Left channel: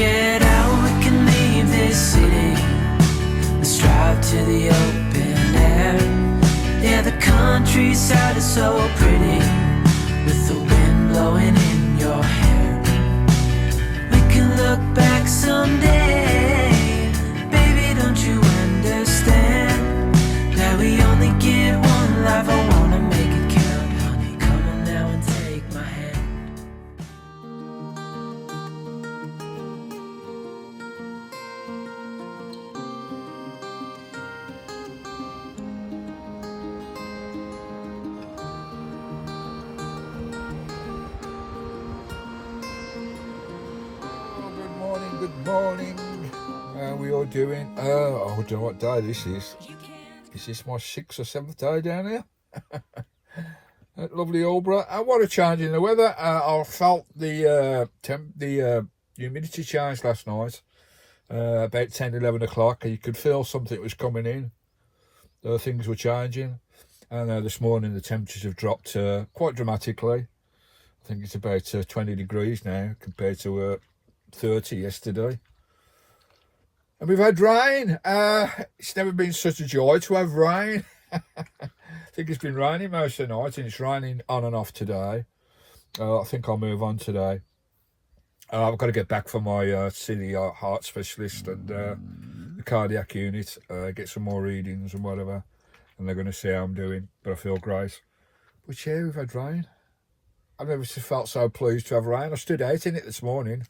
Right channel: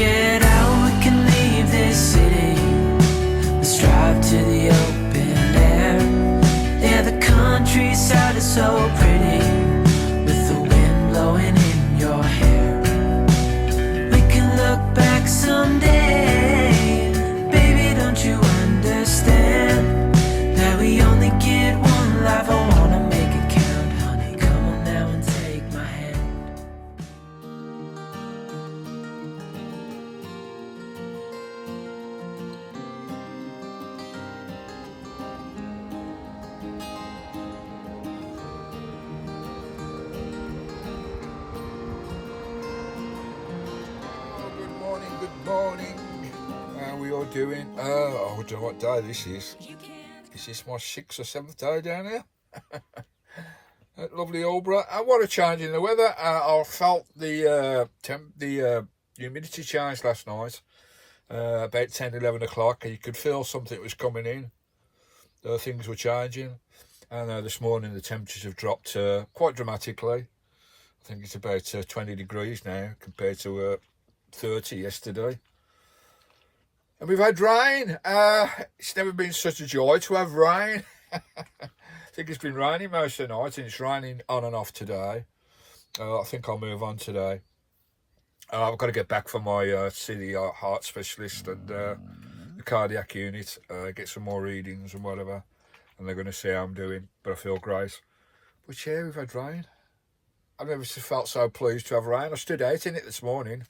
get out, we can leave this city. Let's drive to the open air. Yeah, the countryside is so pretty, with the wind blowing in your hair. We can look back someday, baby, don't you understand that we only get one life? I wanna make it count, honey, come on now and take my hand. Good morning. How are we all doing? I don't know what day this is. Is this my 6th or 7th day down here? At lovely Aldeburgh. And what a change in the weather. I felt the humidity change last night, about 10, 11 o'clock. You could feel something was coming in. Things were changing. And this morning the temperatures have dropped quite dramatically. I think it's about 20 degrees now compared to 30 yesterday. And we've had rain. It's never been such a joy to have rain. I think it's been raining most of the night, and it's raining on and off today. I think I'll move on today. I've got to get back for my see the heart specialist and the cardiac unit, get some more readings and whatever, and they're going to see how I'm doing, but I feel great. But yeah, we've had rain. I've never felt so pleased to have rain. I stood out in it this morning.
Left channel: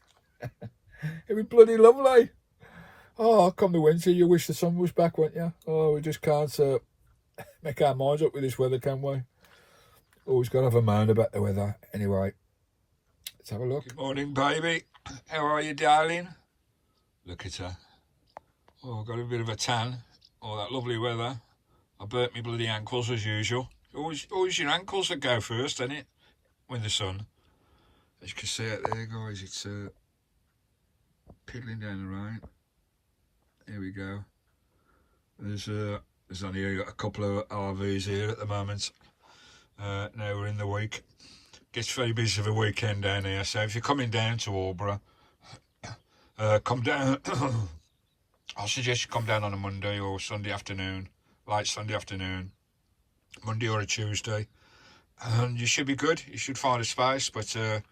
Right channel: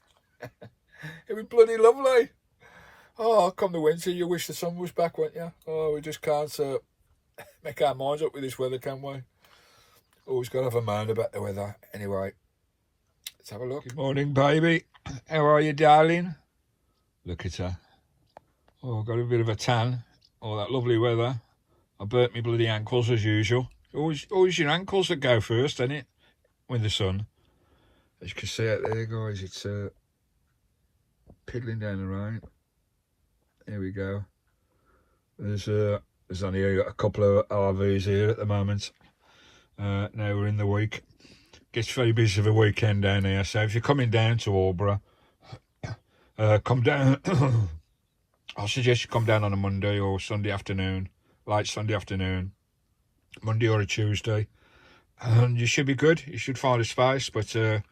It was bloody lovely. Oh, come the winter, you wish the sun was back, wouldn't you? Oh, we just can't make our minds up with this weather, can we? Always got to have a mind about the weather. Anyway, let's have a look. Good morning, baby. How are you, darling? Look at her. Oh, got a bit of a tan. Oh, that lovely weather. I burnt me bloody ankles as usual. Always your ankles that go first, isn't it? With the sun. As you can see out there, guys, it's piddling down the rain. Here we go. There's only a couple of RVs here at the moment. Now we're in the week. Gets very busy for the weekend down here. So if you're coming down to Aldeburgh, come down. I suggest you come down on a Monday or Sunday afternoon, late Sunday afternoon, Monday or a Tuesday, and you should be good. You should find a space. But if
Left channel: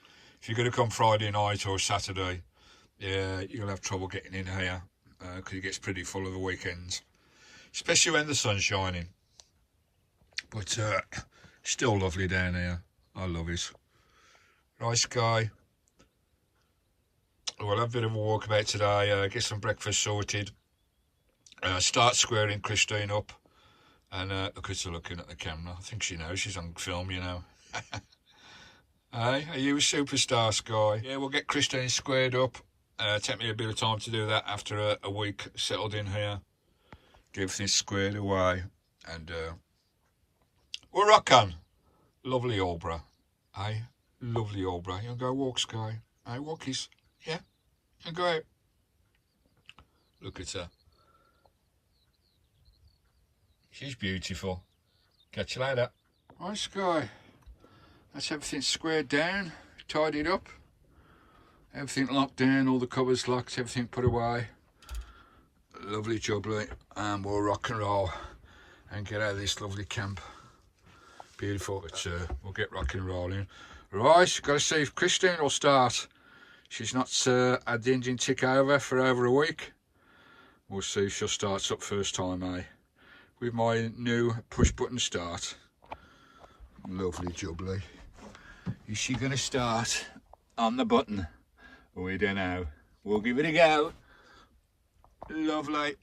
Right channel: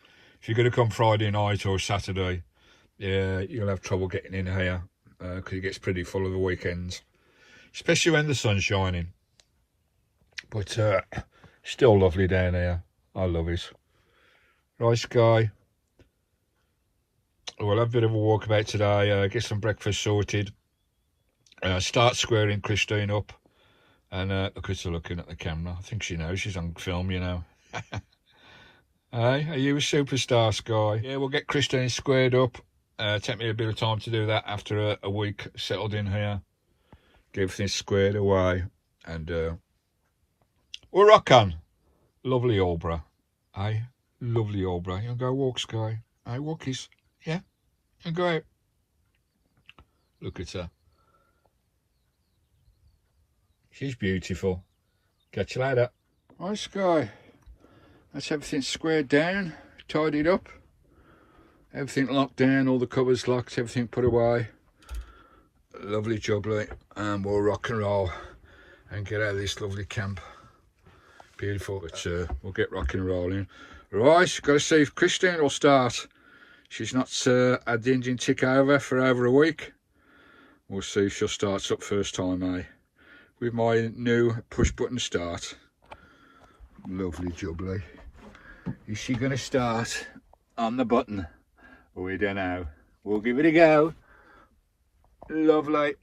you're going to come Friday night or Saturday, yeah, you'll have trouble getting in here. Because it gets pretty full of the weekends, especially when the sun's shining. But still lovely down here. I love it. Right, Sky. We'll have a bit of a walk about today, get some breakfast sorted, start squaring Christine up, and look at her looking at the camera. I think she knows she's on film, you know. Hey, are you a superstar, Sky? Yeah, we'll get Christine squared up. Take me a bit of time to do that after a week settled in here. Get everything squared away. And we're rock on. Lovely Aldeburgh. Hey, lovely Aldeburgh. You want to go walk, Sky? Hey, walkies. Yeah? And go out. Look at her. She's beautiful. Catch you later. Right, Sky. That's everything squared down, tidied up. Everything locked down, all the covers locked, everything put away. Lovely jubbly, and we'll rock and roll and get out of this lovely camp. Beautiful, but we'll get rocking and rolling. Right, got to see if Christine will start. She's not had the engine tick for over a week. We'll see if she'll start up first time, with my new push button start. Lovely jubbly. Is she going to start on the button? We don't know. We'll give it a go. Lovely.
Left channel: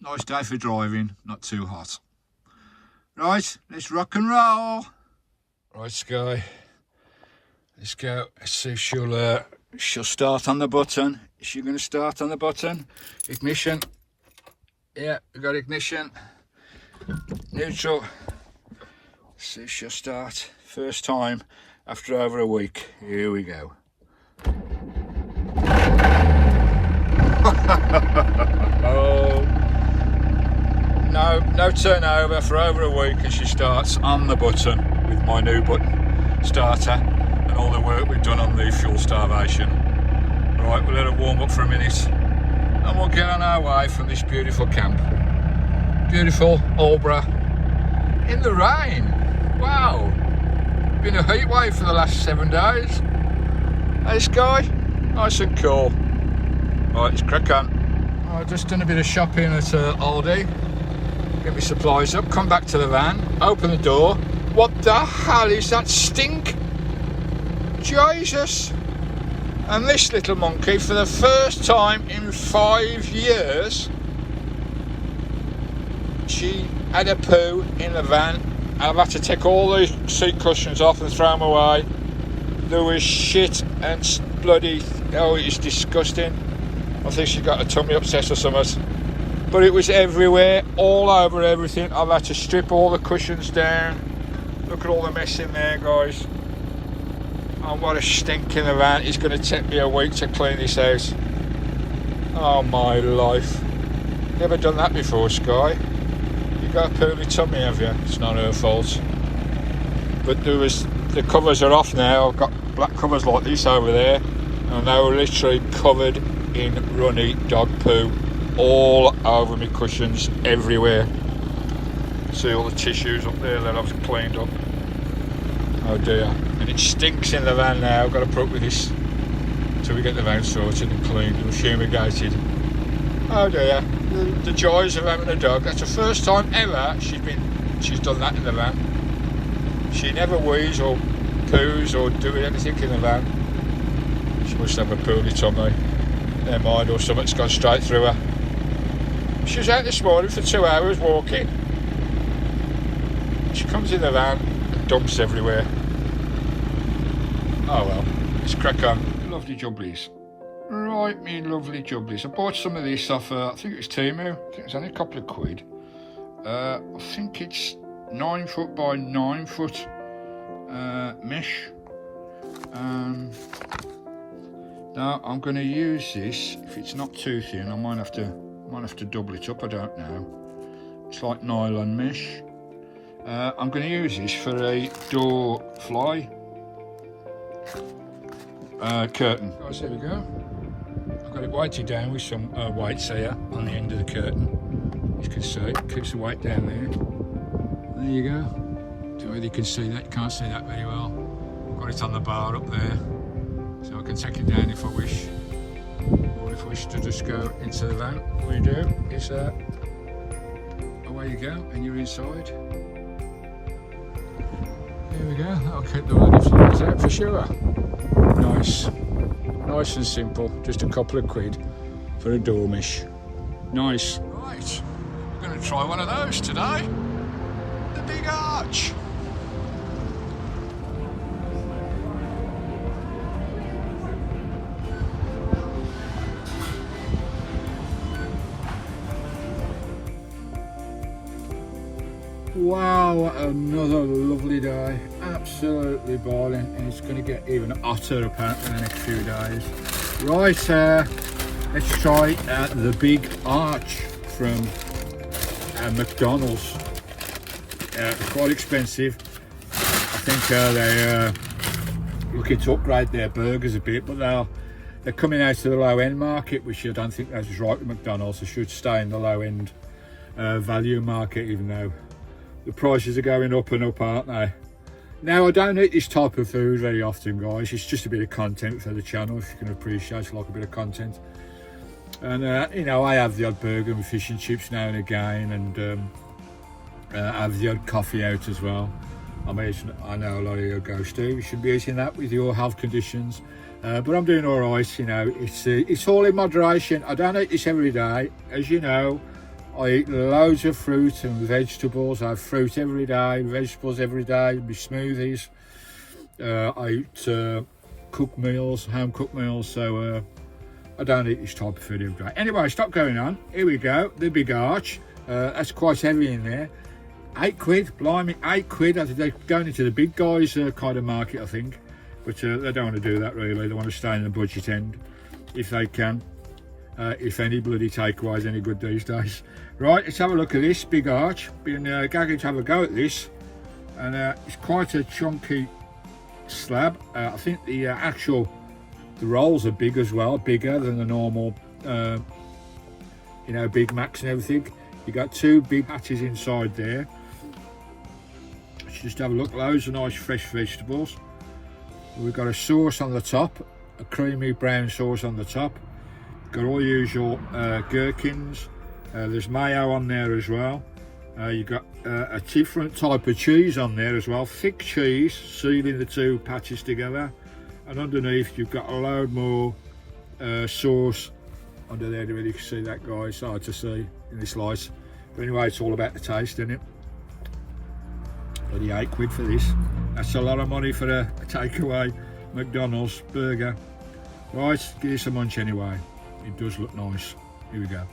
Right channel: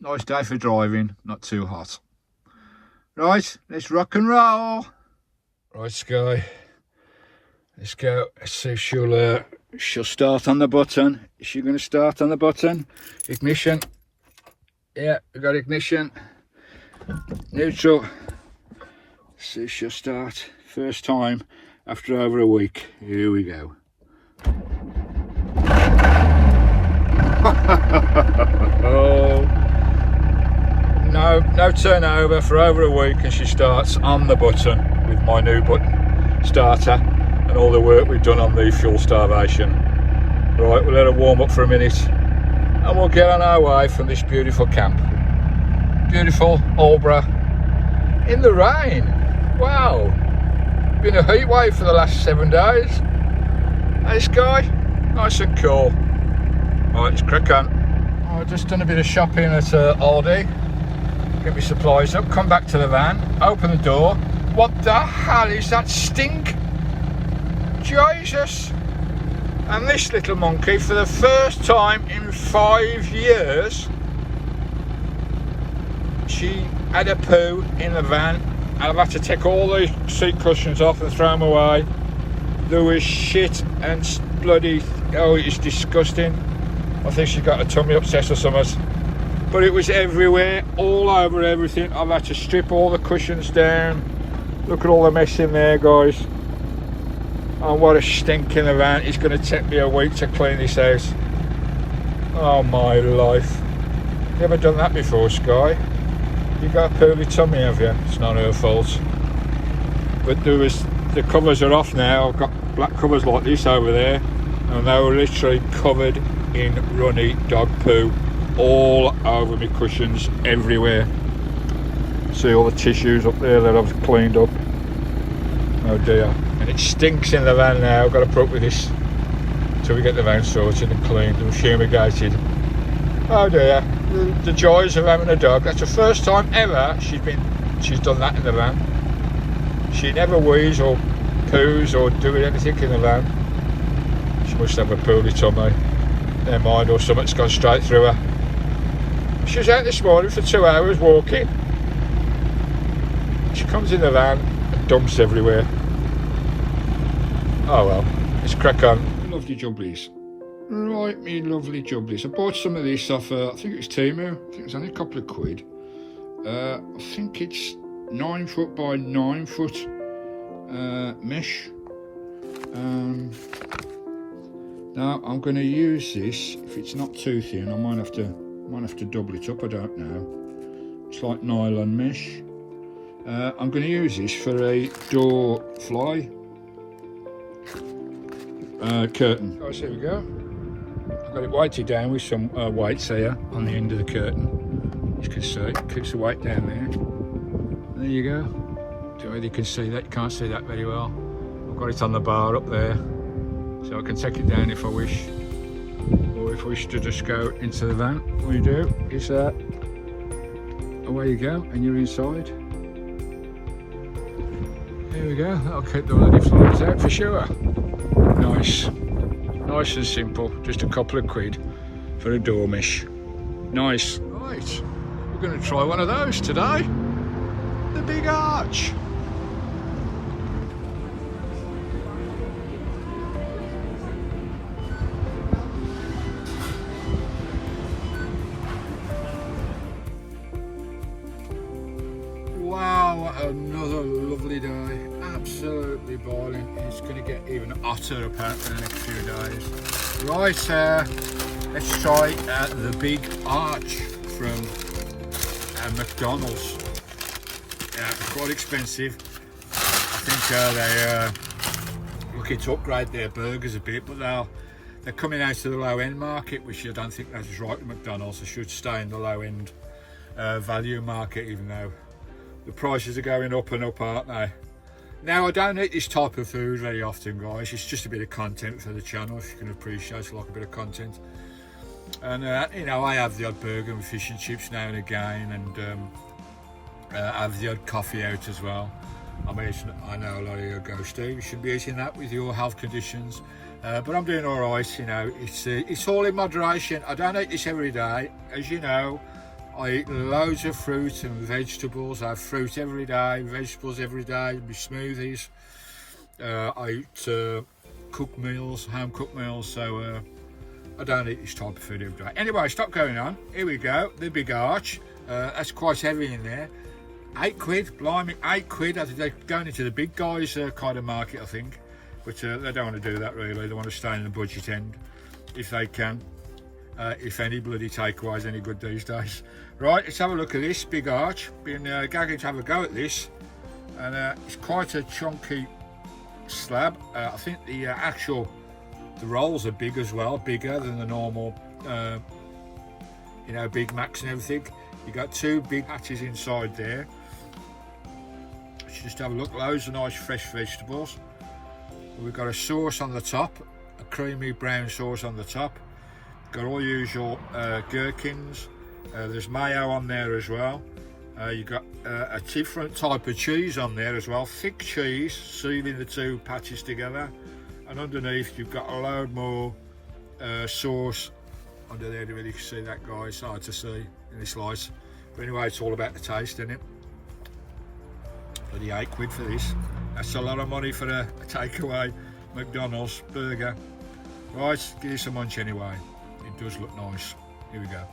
Nice day for driving, not too hot. Right, let's rock and roll. Right, Sky. Let's go. Let's see if she'll start on the button. Is she going to start on the button? Ignition. Yeah, we got ignition. Neutral. See if she'll start. First time after over a week. Here we go. Oh, no turnover for over a week, and she starts on the button with my new button starter and all the work we've done on the fuel starvation. Right, we'll let her warm up for a minute and we'll get on our way from this beautiful camp. Beautiful Aldeburgh in the rain. Wow, been a heat wave for the last 7 days. Hey Sky, nice and cool. Right, let's crack on. I've just done a bit of shopping at Aldi. Get my supplies up, come back to the van, open the door. What the hell is that stink? Jesus. And this little monkey, for the first time in 5 years, she had a poo in the van, and I've had to take all the seat cushions off and throw them away. There was shit and bloody, oh, it's disgusting. I think she got a tummy upset or something. But it was everywhere, all over everything. I've had to strip all the cushions down. Look at all the mess in there, guys. And what a stink in the van. It's going to take me a week to clean this house. Oh my life. You ever done that before, Sky? You got a poorly tummy, have you? It's not her fault. But the covers are off now. I've got black covers like this over there. And they were literally covered in runny dog poo. All over my cushions, everywhere. See all the tissues up there that I've cleaned up. Oh dear. And it stinks in the van now. I've got to put up with this till we get the van sorted and cleaned and fumigated. Oh dear. The joys of having a dog. That's the first time ever she's done that in the van. She never wheezes or poos or doing anything in the van. She must have a poorly tummy. Never mind, or something's gone straight through her. She was out this morning for 2 hours walking. She comes in the van and dumps everywhere. Oh well, let's crack on. Lovely jubblies. Right, me lovely jubblies. I bought some of these off, I think it was Temu. I think it's only a couple of quid. I think it's 9 foot by 9 foot mesh. Now I'm going to use this. If it's not too thin, I might have to double it up. I don't know. It's like nylon mesh. I'm going to use this for a door fly curtain. Guys, here we go. I've got it weighted down with some weights here on the end of the curtain. As you can see, it keeps the weight down there. There you go. Don't know whether you can see that. You can't see that very well. I've got it on the bar up there, so I can take it down if I wish. Or if I wish to just go into the van. What you do is away you go, and you're inside. There we go. That'll keep the bloody flies out for sure. Nice and simple. Just a couple of quid for a door mesh. Nice. Right, we're going to try one of those today. The big arch. Wow, what another lovely day. Absolutely boiling, and it's going to get even hotter apparently in the next few days. Right, let's try the big arch from McDonald's. They're quite expensive. I think they're looking to upgrade their burgers a bit, but they're coming out to the low end market, which I don't think that's right with McDonald's. They should stay in the low end value market, even though the prices are going up and up, aren't they? Now, I don't eat this type of food very often, guys. It's just a bit of content for the channel, if you can appreciate it, like a bit of content. And you know, I have the odd burger with fish and chips now and again, and I have the odd coffee out as well. I know a lot of you go, Steve, you should be eating that with your health conditions, but I'm doing all right. You know, it's all in moderation. I don't eat this every day, as you know. I eat loads of fruit and vegetables. I have fruit every day, vegetables every day, my smoothies. I eat cooked meals, home cooked meals, so I don't eat this type of food every day. Anyway, stop going on. Here we go, the big arch. That's quite heavy in there. 8 quid, blimey, 8 quid. They're going into the big guys kind of market, I think. But they don't want to do that really. They want to stay in the budget end if they can. If any bloody takeaways any good these days. Right, let's have a look at this big arch. Been gagging to have a go at this, and it's quite a chunky slab. I think the actual The rolls are big as well, bigger than the normal, you know, Big Macs and everything. You got 2 big patties inside there. Just have a look, loads of nice fresh vegetables. We've got a sauce on the top, a creamy brown sauce on the top. Got all the usual gherkins. There's mayo on there as well. You've got a different type of cheese on there as well, thick cheese sealing the 2 patties together. And underneath you've got a load more sauce under there. You really can see that, guys. It's hard to see in this light, but anyway, it's all about the taste, isn't it? Bloody £8 for this. That's a lot of money for a takeaway McDonald's burger. Right, give you some munch anyway. It does look nice. Here we go.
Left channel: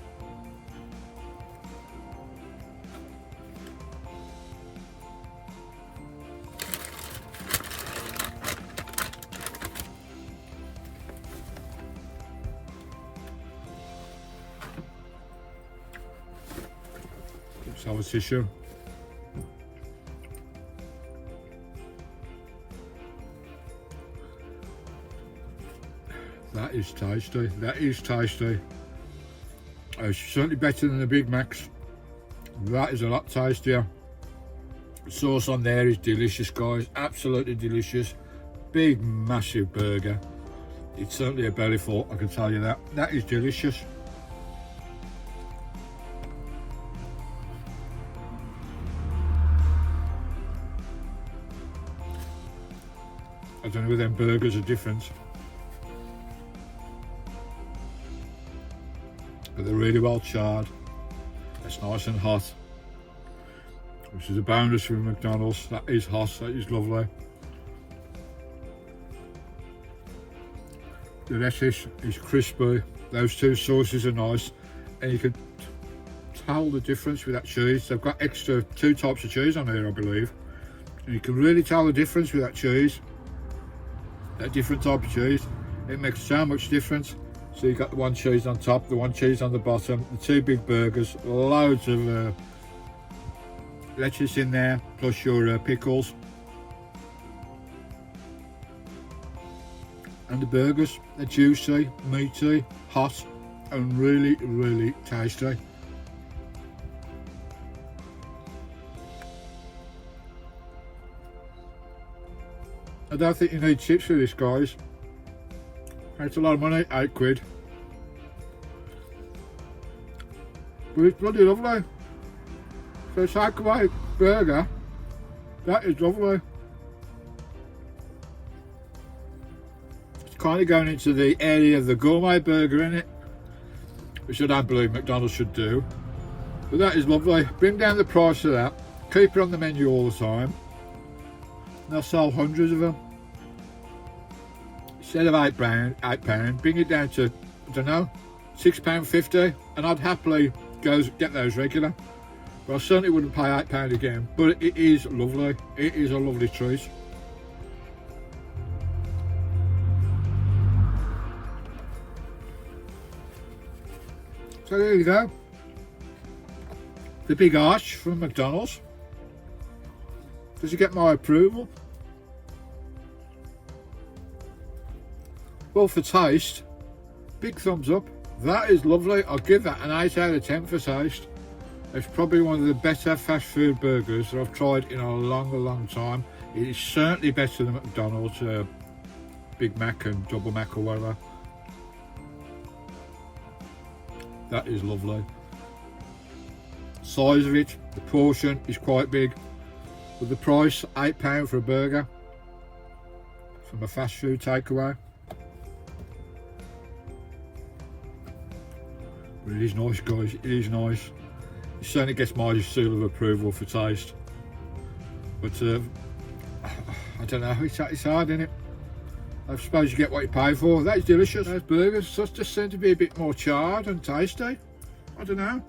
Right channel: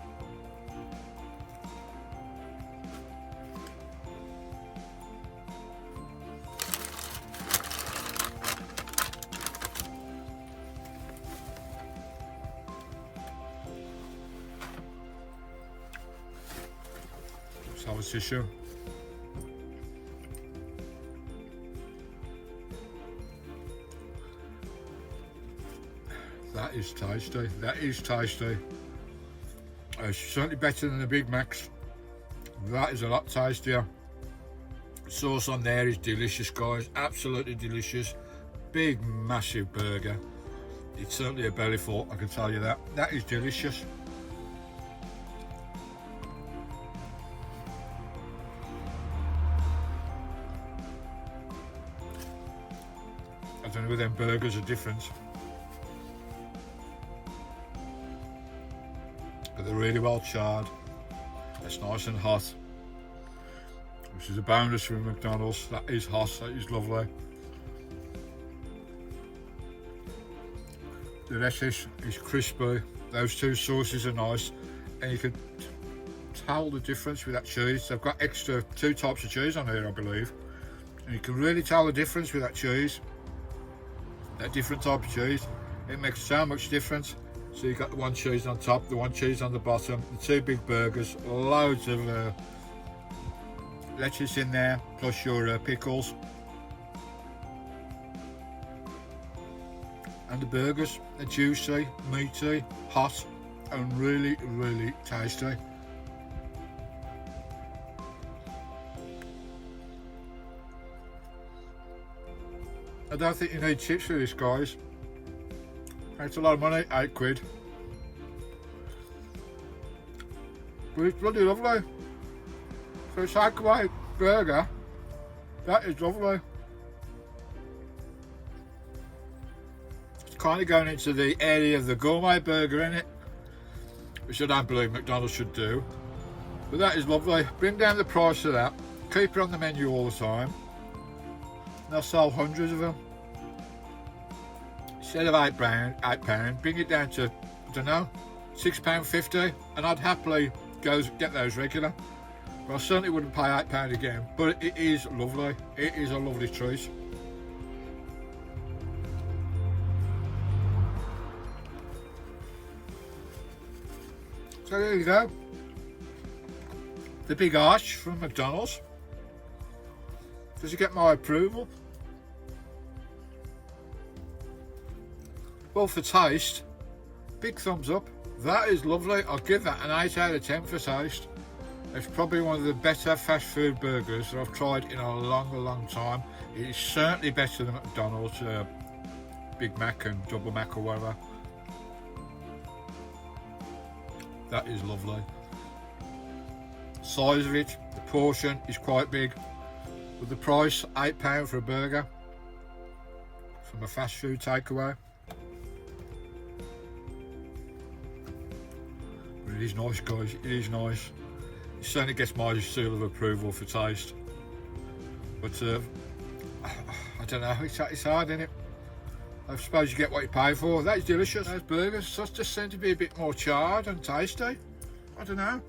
Let's have a tissue. That is tasty. That is tasty. It's certainly better than the Big Macs. That is a lot tastier. The sauce on there is delicious, guys. Absolutely delicious. Big, massive burger. It's certainly a belly full, I can tell you that. That is delicious. I don't know whether them burgers are different, but they're really well charred. It's nice and hot, which is a bonus from McDonald's. That is hot, that is lovely. The lettuce is crispy. Those 2 sauces are nice, and you can tell the difference with that cheese. They've got extra 2 types of cheese on here, I believe, and you can really tell the difference with that cheese. That different type of cheese, it makes so much difference. So you've got the 1 cheese on top, the 1 cheese on the bottom, the 2 big burgers, loads of lettuce in there, plus your pickles. And the burgers are juicy, meaty, hot, and really, really tasty. I don't think you need chips for this, guys. It's a lot of money, £8. But it's bloody lovely. For a takeaway burger, that is lovely. It's kind of going into the area of the gourmet burger, isn't it? Which I don't believe McDonald's should do. But that is lovely. Bring down the price of that. Keep it on the menu all the time. They'll sell hundreds of them. Instead of £8, bring it down to, I don't know, £6.50, and I'd happily go get those regular. But I certainly wouldn't pay £8 again. But it is lovely. It is a lovely treat. So there you go. The big arch from McDonald's. Does it get my approval? Well, for taste, big thumbs up. That is lovely. I'll give that an 8 out of 10 for taste. It's probably one of the better fast food burgers that I've tried in a long time. It is certainly better than McDonald's Big Mac and Double Mac or whatever. That is lovely. The size of it, the portion is quite big. With the price, £8 for a burger from a fast food takeaway. But it is nice, guys, it is nice. It certainly gets my seal of approval for taste. But I don't know, it's hard, isn't it? I suppose you get what you pay for. That is delicious. Those burgers just seem to be a bit more charred and tasty. I don't know.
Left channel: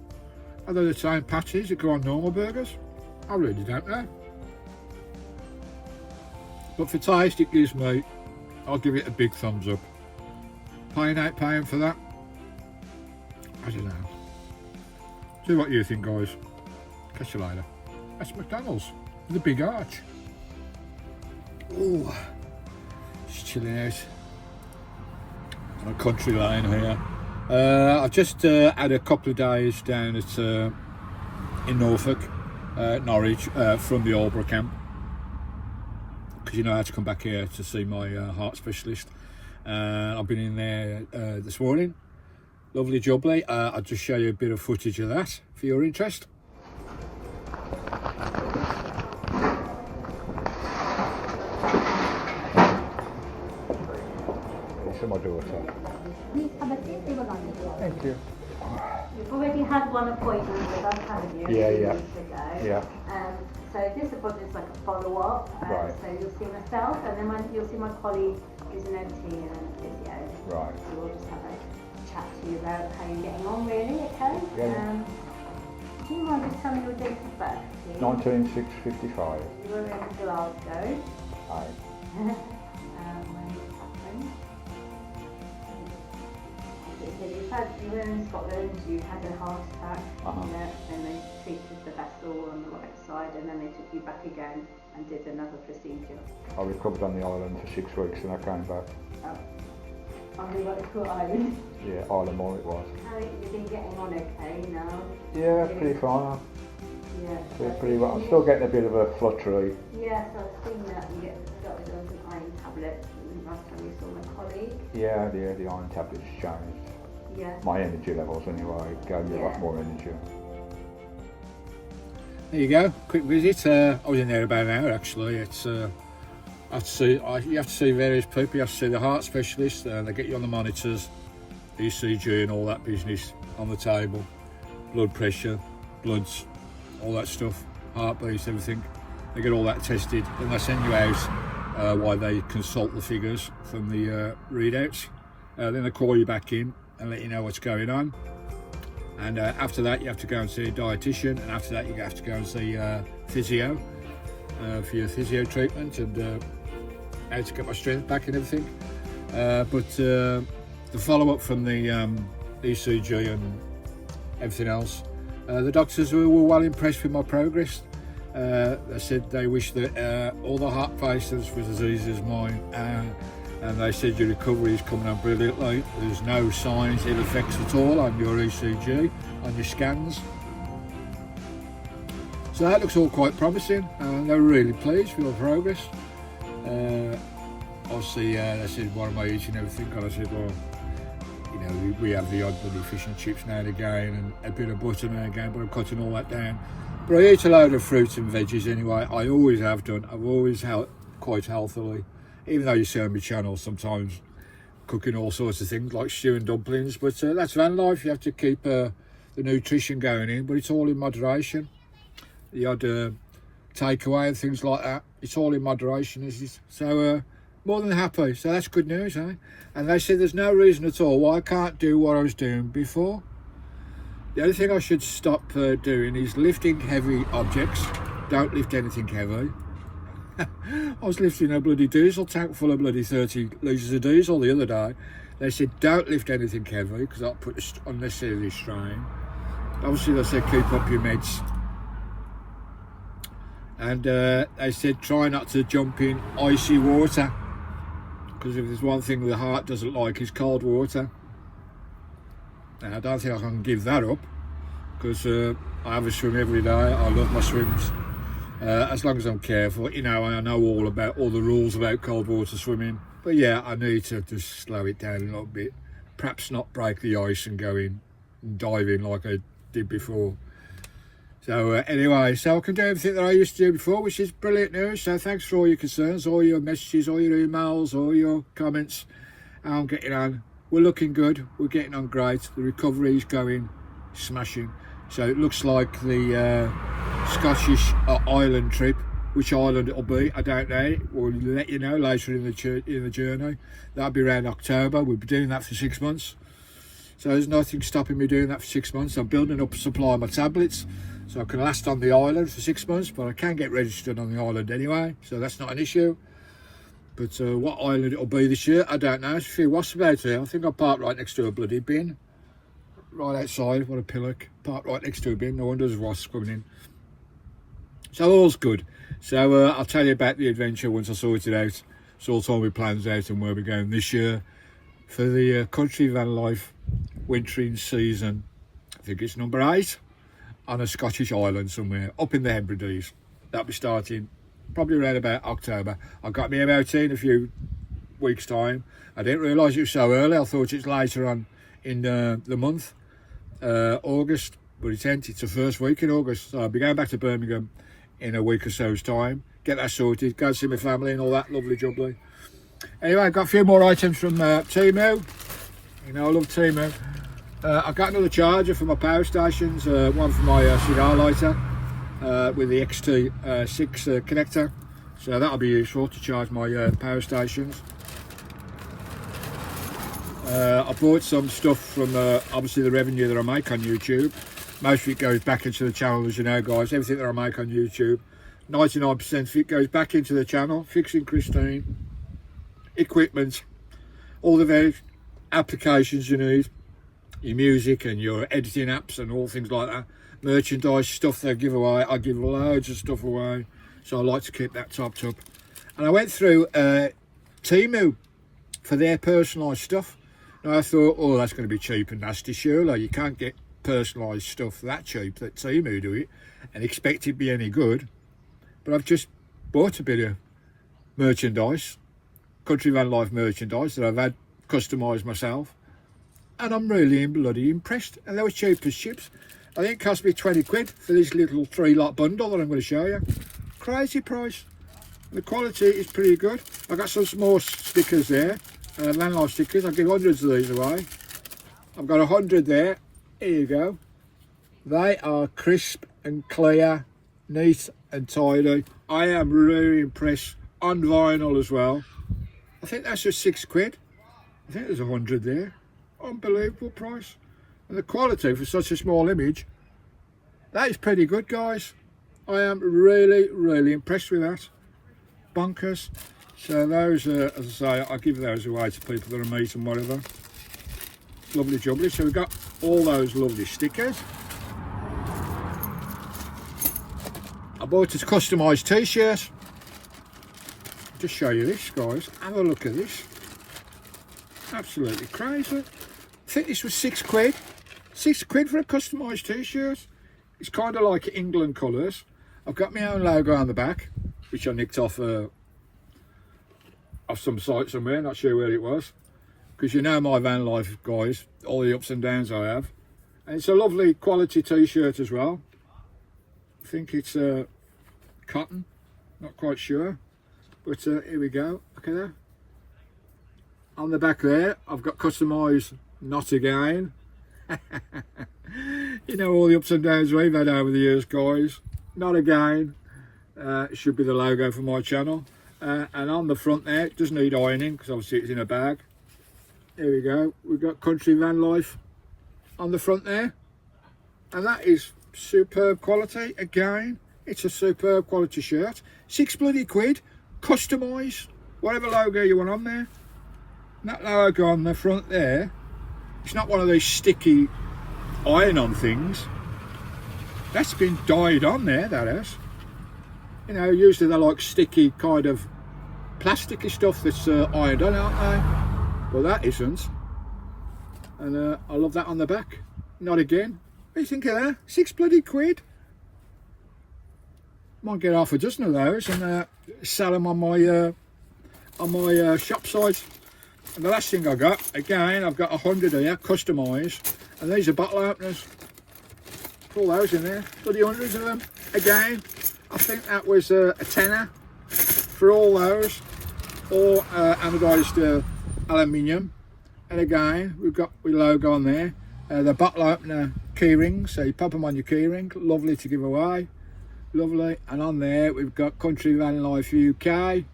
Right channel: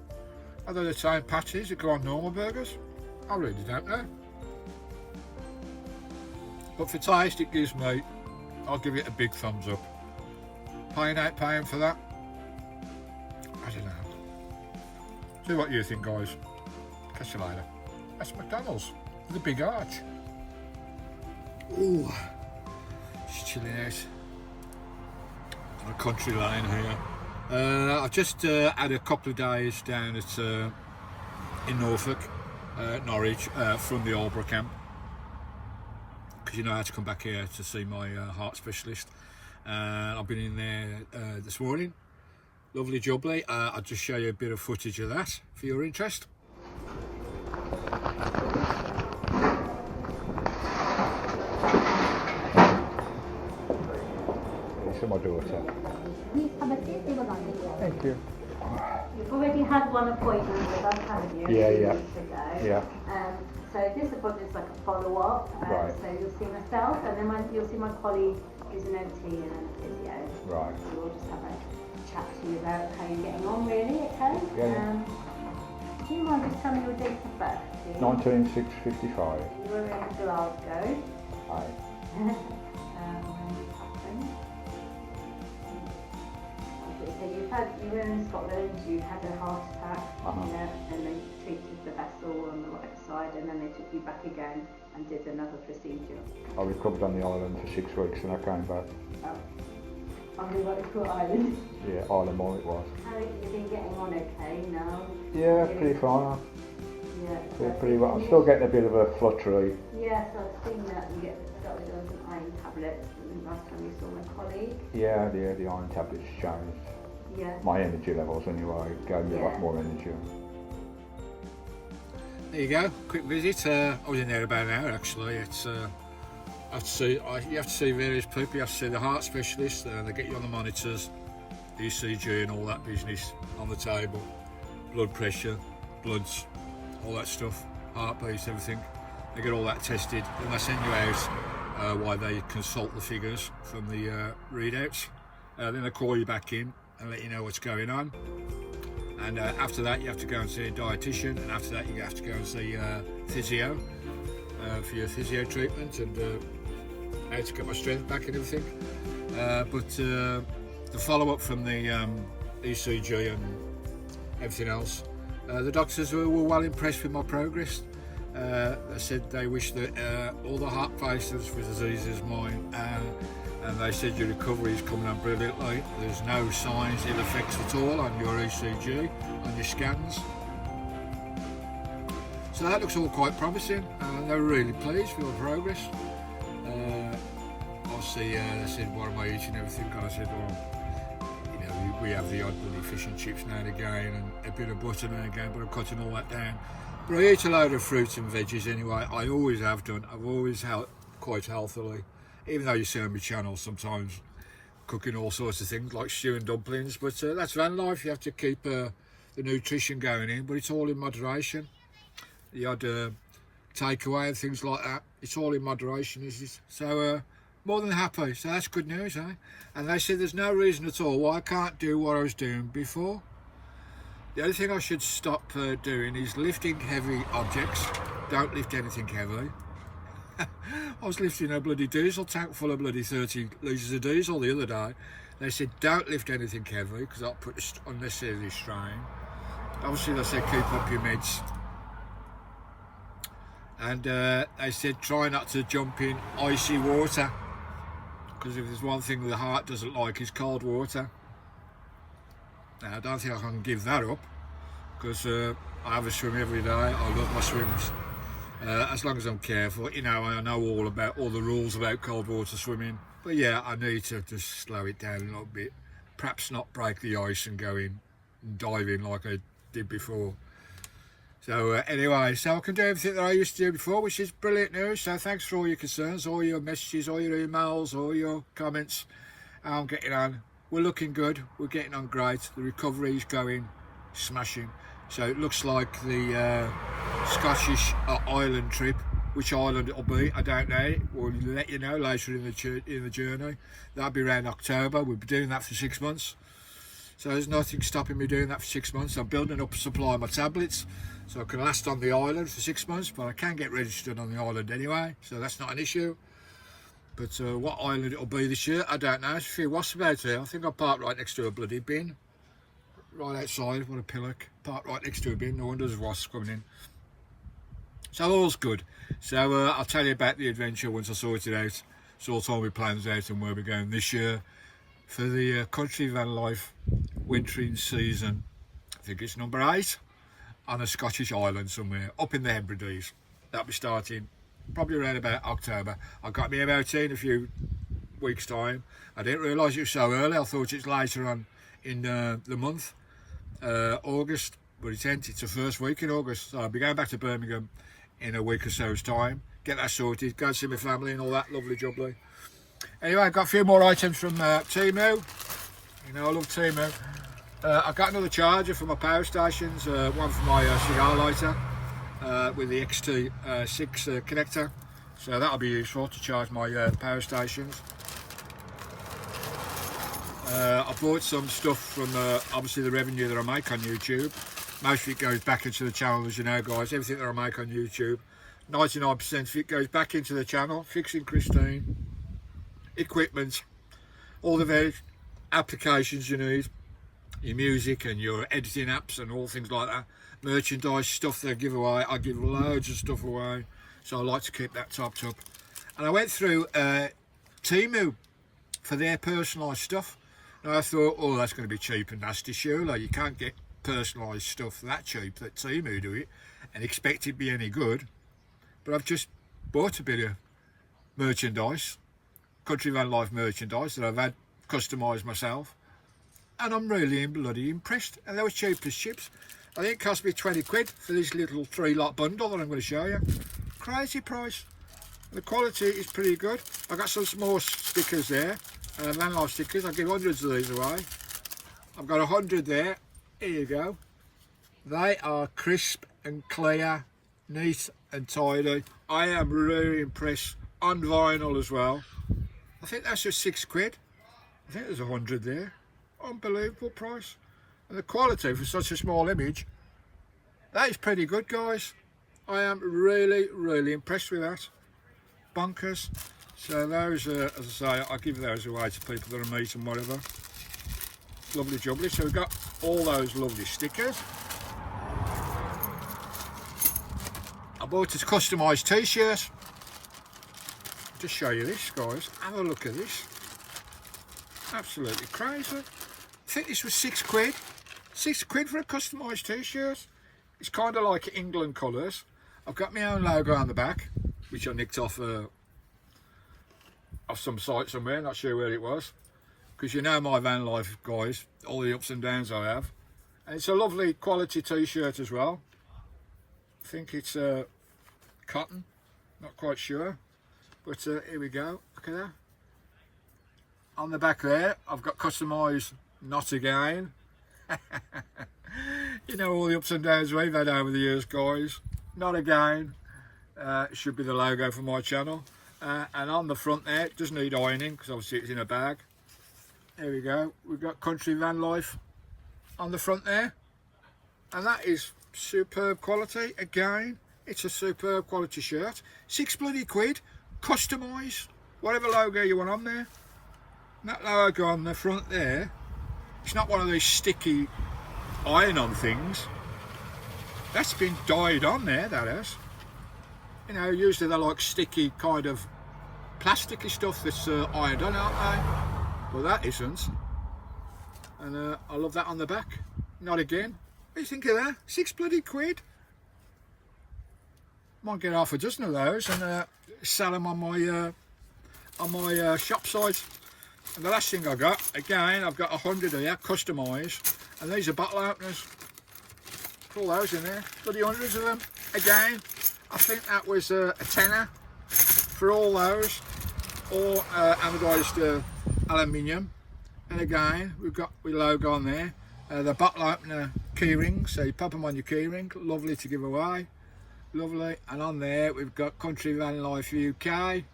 Are they the same patties that go on normal burgers? I really don't know. But for taste, it gives me, I'll give it a big thumbs up. Paying £8 for that? I don't know. See what you think, guys. Catch you later. That's McDonald's with a big arch. Ooh, it's chilling out. on a country lane here. I've just had a couple of days down at in Norfolk, Norwich, from the Aldborough camp, because you know I had to come back here to see my heart specialist. I've been in there this morning. Lovely jubbly. I'll just show you a bit of footage of that for your interest. It's my daughter. Please have a seat, they will not be here. Thank you. You've already had one appointment with us, haven't you? Yeah, 2 yeah. weeks ago. Yeah. So this appointment is like a follow-up. Right. So you'll see myself, and then you'll see my colleague who's an OT and a physio. Right. So we'll just have a chat to you about how you're getting on, really, okay? Yeah. Do you mind just telling me your date of birth, please? 1955. You were in Glasgow. Aye. When it happened. So you were in Scotland, you had a heart attack, and they treated the vessel on the right side, and then they took you back again and did another procedure. I recovered on the island for 6 weeks and I came back. Oh, on the Watercourt Island. Yeah, Isle of More it was. How have you been getting on okay now? Yeah, pretty fine. Yeah. Yeah, pretty well. I'm still getting a bit of a fluttery. Yes, I've seen that you get started on some iron tablets last time you saw my colleague. Yeah, the iron tablets changed. Yeah. My energy levels anyway, gave me a lot more energy. There you go, quick visit. I was in there about an hour actually. It's you have to see various people. You have to see the heart specialist. They get you on the monitors, ECG and all that business on the table. Blood pressure, bloods, all that stuff, heartbeats, everything. They get all that tested and they send you out while they consult the figures from the readouts. Then they call you back in and let you know what's going on. And after that you have to go and see a dietitian, and after that you have to go and see physio for your physio treatment and how to get my strength back and everything. But the follow-up from the ECG and everything else, the doctors were well impressed with my progress. They said they wish that all the heart patients were as easy as mine, and they said your recovery is coming on brilliantly. There's no signs, ill effects at all on your ECG, on your scans. So that looks all quite promising. They were really pleased with my progress. Obviously, they said, what am I eating and everything? And I said, well, you know, we have the odd bloody fish and chips now and again, and a bit of butter now and again, but I'm cutting all that down. But I eat a load of fruits and veggies anyway. I always have done. I've always quite healthily. Even though you see on my channel sometimes cooking all sorts of things like stew and dumplings, but that's van life. You have to keep the nutrition going in, but it's all in moderation. The odd takeaway and things like that, it's all in moderation, is it? So more than happy. So that's good news, eh? And they said there's no reason at all why I can't do what I was doing before. The only thing I should stop doing is lifting heavy objects. Don't lift anything heavy. I was lifting a bloody diesel tank full of bloody 30 litres of diesel the other day. They said don't lift anything heavy because that'll put unnecessary strain. Obviously they said keep up your meds. And they said try not to jump in icy water, because if there's one thing the heart doesn't like is cold water. And I don't think I can give that up, because I have a swim every day. I love my swims. As long as I'm careful, you know, I know all the rules about cold water swimming. But yeah, I need to just slow it down a little bit. Perhaps not break the ice and go in and dive in like I did before. So anyway, so I can do everything that I used to do before, which is brilliant news. So thanks for all your concerns, all your messages, all your emails, all your comments. I'm getting on. We're looking good. We're getting on great. The recovery is going smashing. So it looks like the Scottish island trip, which island it'll be, I don't know. We'll let you know later in the journey. That'll be around October. We'll be doing that for 6 months. So there's nothing stopping me doing that for 6 months. I'm building up a supply of my tablets, so I can last on the island for 6 months, but I can get registered on the island anyway, so that's not an issue. But what island it'll be this year, I don't know. There's a few wasps about here. I think I parked right next to a bloody bin. Right outside, what a pillock. Parked right next to a bin, no wonder there's wasps coming in. So all's good. So I'll tell you about the adventure once I sort it out. Sort all my plans out and where we're going this year. for the Country Van Life wintering season. I think it's number 8 on a Scottish island somewhere up in the Hebrides. That'll be starting probably around about October. I got me MOT in a few weeks time. I didn't realise it was so early. I thought it's later on in the month, August, but it's the first week in August. So I'll be going back to Birmingham in a week or so's time, get that sorted, go see my family and all that lovely jubbly. Anyway, I've got a few more items from Temu. You know, I love Temu. I've got another charger for my power stations, one for my cigar lighter with the xxxx connector, so that'll be useful to charge my power stations. I bought some stuff from obviously the revenue that I make on YouTube. Most of it goes back into the channel, as you know, guys. Everything that I make on YouTube, 99% of it goes back into the channel, fixing Christine, equipment, all the various applications you need, your music and your editing apps and all things like that, merchandise stuff they give away. I give loads of stuff away, so I like to keep that topped up. And I went through Temu for their personalised stuff. Now I thought, oh, that's going to be cheap and nasty, surely. You can't get personalised stuff that cheap that Temu do it and expect it to be any good. But I've just bought a bit of merchandise, Country Van Life merchandise that I've had customised myself, and I'm really bloody impressed. And they were cheap as chips. I think it cost me 20 quid for this little 3-lot bundle that I'm going to show you. Crazy price. The quality is pretty good. I got some more stickers there, Van Life stickers. I'll give hundreds of these away. I've got 100 there. Here you go. They are crisp and clear, neat and tidy. I am really impressed. On vinyl as well. I think that's just 6 quid. I think there's 100 there. Unbelievable price. And the quality for such a small image, that is pretty good, guys. I am really, really impressed with that. Bonkers. So those, as I say, I give those away to people that I meet and whatever. Lovely jubbly. So we've got all those lovely stickers. I bought a customised t-shirt. Just show you this, guys. Have a look at this. Absolutely crazy. I think this was 6 quid. 6 quid for a customised t-shirt. It's kind of like England colours. I've got my own logo on the back, which I nicked off some site somewhere, not sure where it was. Because you know my van life, guys, all the ups and downs I have. And it's a lovely quality t-shirt as well. I think it's cotton, not quite sure. But here we go, look at that. On the back there, I've got customised not again. You know all the ups and downs we've had over the years, guys. Not again. It should be the logo for my channel. And on the front there, it does need ironing because obviously it's in a bag. Here we go. We've got Country Van Life on the front there. And that is superb quality. Again, it's a superb quality shirt. 6 bloody quid. Customise whatever logo you want on there. And that logo on the front there, it's not one of these sticky iron-on things. That's been dyed on there, that is. You know, usually they're like sticky kind of plasticky stuff that's ironed on, aren't they? But that isn't. And I love that on the back. Not again. What do you think of that? 6 bloody quid. Might get half a dozen of those and sell them on my shop site. And the last thing I got, again, I've got 100 here, customised, and these are bottle openers. Put all those in there, bloody hundreds of them. Again, I think that was a tenner for all those, all anodised aluminium. And again, we've got the logo on there, the bottle opener key rings, so you pop them on your key ring, lovely to give away. Lovely. And on there we've got Country Van Life UK,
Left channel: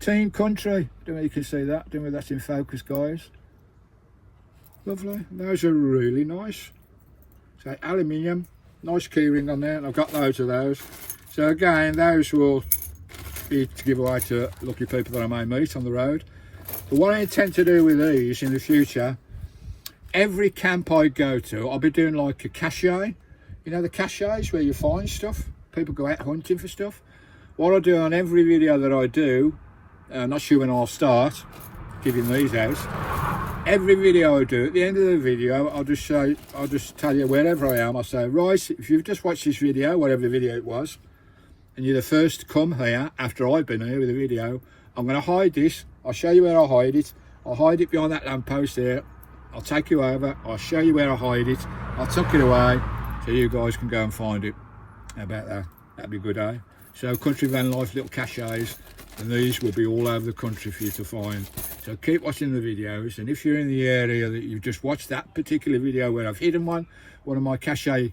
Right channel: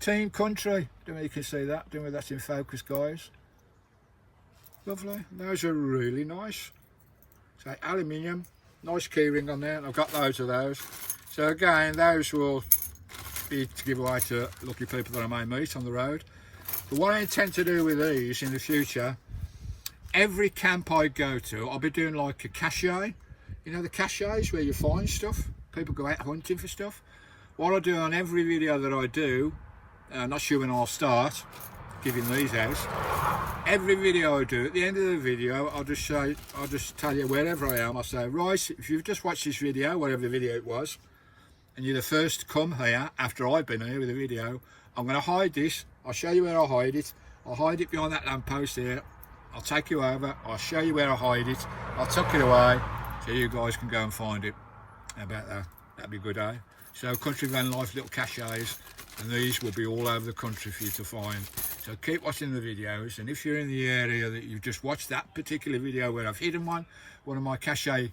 Team Country. Don't know if you can see that. Don't know if that's in focus, guys. Lovely. Those are really nice. So aluminium, nice keyring on there, and I've got loads of those. So again, those will be to give away to lucky people that I may meet on the road. But what I intend to do with these in the future, every camp I go to, I'll be doing like a cache. You know the caches where you find stuff? People go out hunting for stuff. What I do on every video that I do, not sure when I'll start giving these out, every video I do, at the end of the video, I'll just tell you wherever I am. I'll say, right, if you've just watched this video, whatever video it was, and you're the first to come here after I've been here with the video, I'm going to hide this. I'll show you where I hide it. I'll hide it behind that lamppost there. I'll take you over. I'll show you where I hide it. I'll tuck it away so you guys can go and find it. How about that? That'd be good, eh? So Country Van Life little caches, and these will be all over the country for you to find. So keep watching the videos, and if you're in the area that you've just watched that particular video where I've hidden one of my cache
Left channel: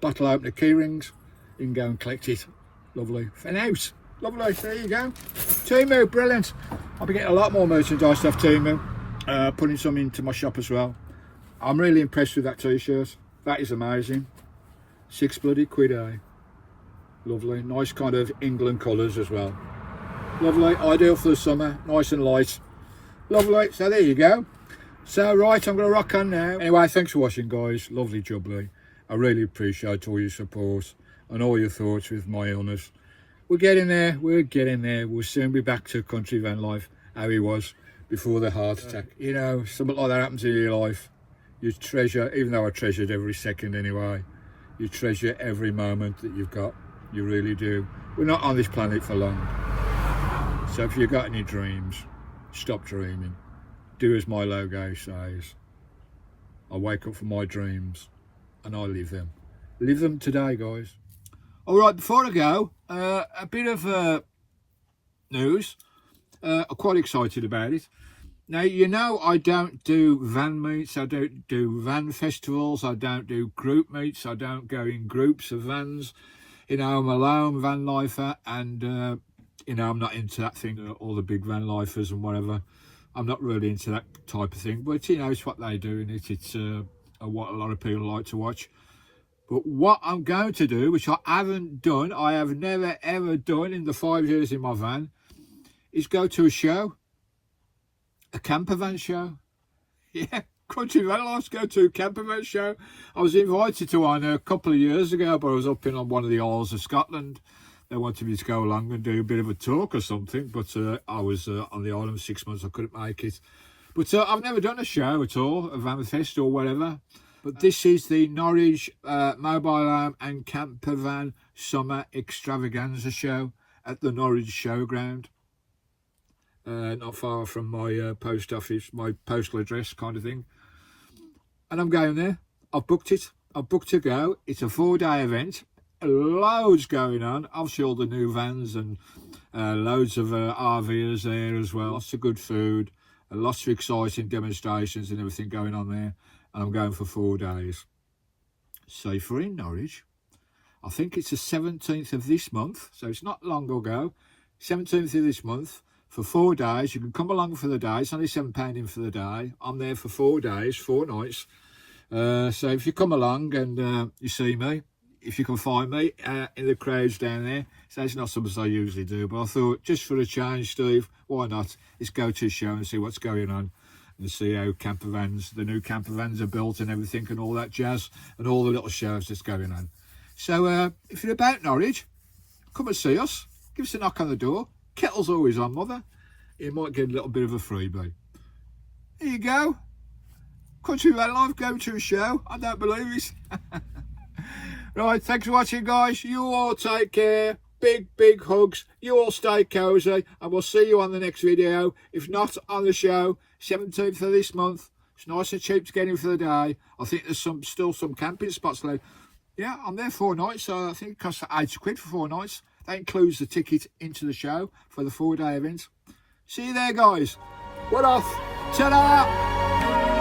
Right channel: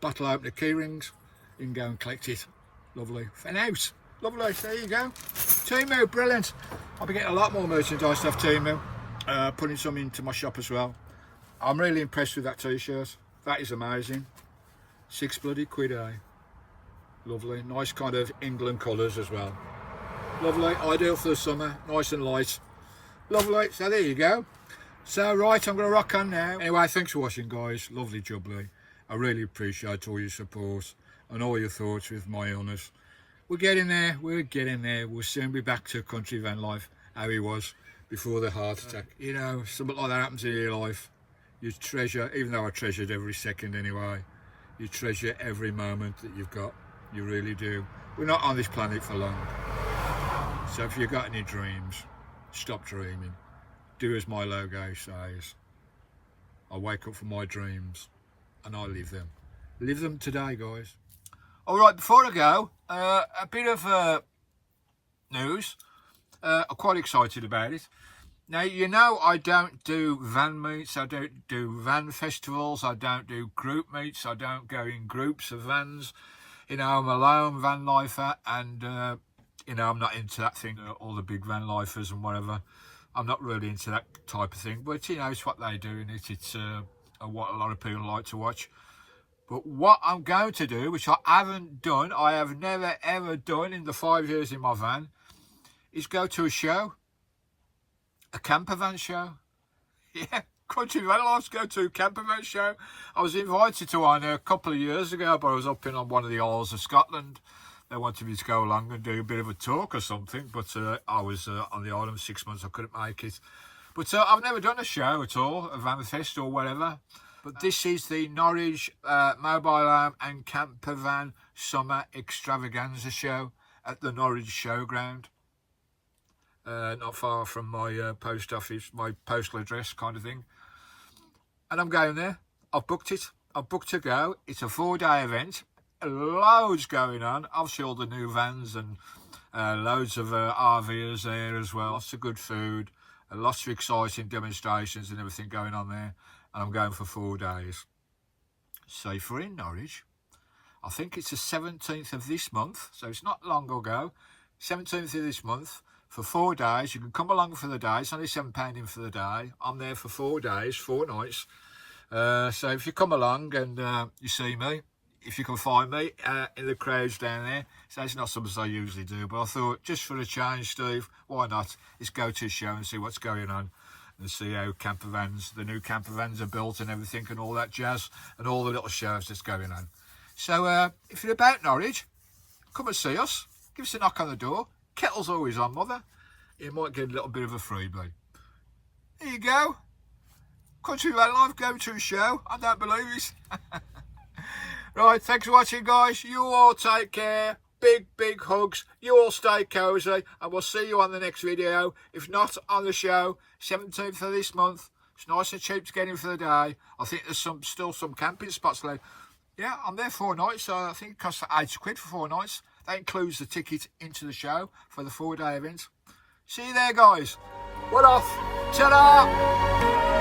bottle opener key rings, you can go and collect it. Lovely. Fan out. Lovely. There you go. Temu, brilliant. I'll be getting a lot more merchandise off Temu, putting some into my shop as well. I'm really impressed with that t-shirt. That is amazing. £6 bloody, eh? Lovely. Nice kind of England colours as well. Lovely. Ideal for the summer. Nice and light. Lovely. So there you go. So right, I'm going to rock on now. Anyway, thanks for watching, guys. Lovely jubbly. I really appreciate all your support and all your thoughts with my illness. We're getting there. We're getting there. We'll soon be back to Country Van Life how he was before the heart attack. You know, something like that happens in your life. You treasure, even though I treasured every second anyway, you treasure every moment that you've got. You really do. We're not on this planet for long. So if you've got any dreams, stop dreaming. Do as my logo says. I wake up from my dreams and I live them. Live them today, guys. All right, before I go, a bit of news. I'm quite excited about it. Now, you know, I don't do van meets, I don't do van festivals, I don't do group meets, I don't go in groups of vans. You know, I'm a lone van lifer, and, you know, I'm not into that thing, all the big van lifers and whatever. I'm not really into that type of thing, but, you know, it's what they do, and it's what a lot of people like to watch. But what I'm going to do, which I haven't done, I have never, ever done in the 5 years in my van, is go to a show. A camper van show. Yeah, Country Van Life, go to a camper van show. I was invited to one a couple of years ago, but I was up in on one of the Isles of Scotland. They wanted me to go along and do a bit of a talk or something, but I was on the island for 6 months, I couldn't make it. But I've never done a show at all, a van fest or whatever. But this is the Norwich Mobile Home and Camper Van Summer Extravaganza show at the Norwich Showground. Not far from my post office, my postal address kind of thing. And I'm going there. I've booked it. I've booked to go. It's a 4-day event. Loads going on. Obviously all the new vans and loads of RVers there as well. Lots of good food. Lots of exciting demonstrations and everything going on there. And I'm going for 4 days. So if we're in Norwich, I think it's the 17th of this month. So it's not long ago. 17th of this month. For 4 days, you can come along for the day. It's only £7 in for the day. I'm there for 4 days, 4 nights. So if you come along and you see me, if you can find me in the crowds down there, so it's not something I usually do, but I thought just for a change, Steve, why not? Let's go to a show and see what's going on and see how camper vans, the new camper vans are built and everything and all that jazz and all the little shows that's going on. So if you're about Norwich, come and see us. Give us a knock on the door. Kettle's always on, mother. You might get a little bit of a freebie. There you go. Country Van Life, go to a show. I don't believe it. Right, thanks for watching, guys. You all take care. Big, big hugs. You all stay cosy. And we'll see you on the next video. If not on the show, 17th of this month. It's nice and cheap to get in for the day. I think there's still some camping spots there. Yeah, I'm there 4 nights. So I think it costs £80 for 4 nights. That includes the ticket into the show for the 4-day event. See you there, guys. What off? Ta-da!